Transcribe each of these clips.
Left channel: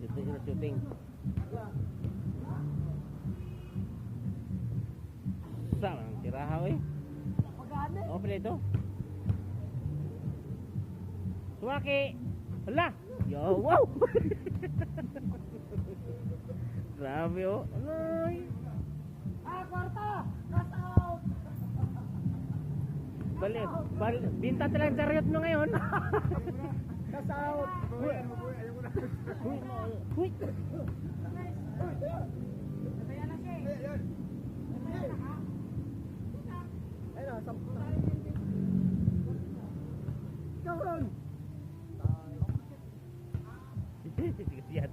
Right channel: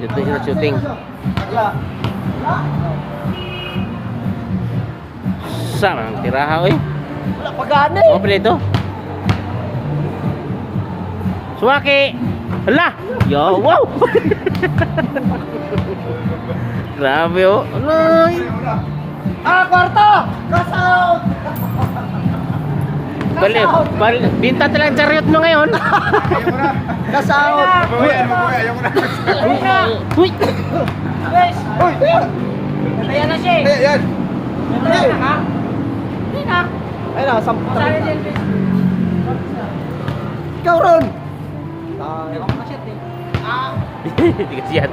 Dito sila shooting. Saan ang tiraha oy? Wala pagana eh. Ano pala ito? Suwaki! Hala! Yo, wow! Grabe oh. Aloy! Kwarto! Cross out! Binta talang chariot mo ngayon. Cross out! Ayaw mo na. Uy! Guys! Ayan na siya eh. Yan. Ayun na, sampu talaga. Ikaw ron! Ewan ko na shit eh. Hindi kasi yan.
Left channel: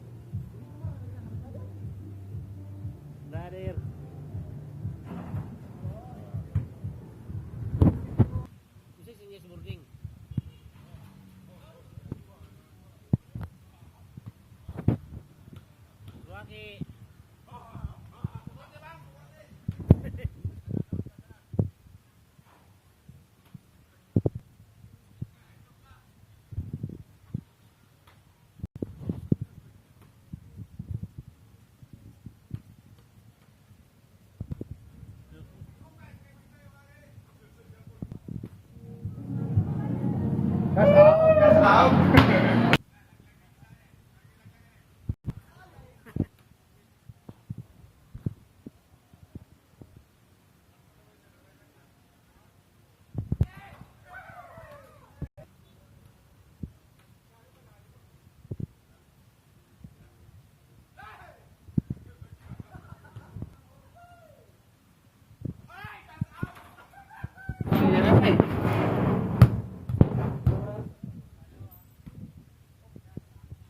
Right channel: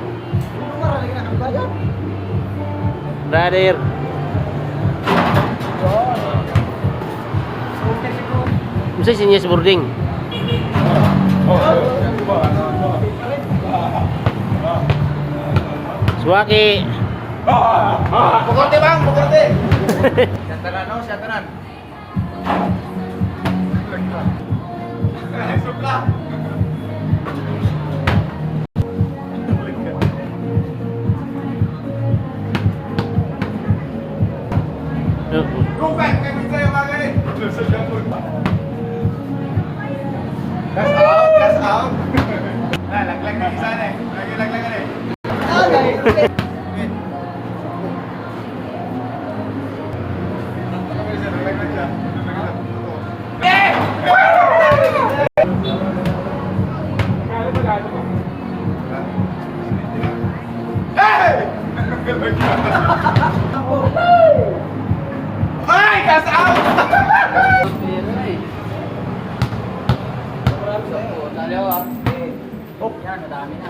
Marami na kang bayan. Brother. Masa sinya boarding? Suwaki. Bukorte bang, bukorte. Siatanan, no, siatanan. Supla. Rumpay, kayak bisa yang makan ni. Gas out, gas out. Nah, lag-lag di sana eh. Lagi lag-lag ni. Ay, gas out! Oh, yan, madami na.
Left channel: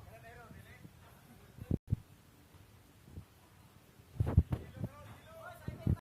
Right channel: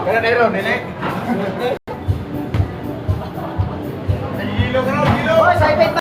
Kaya na ron, nilek.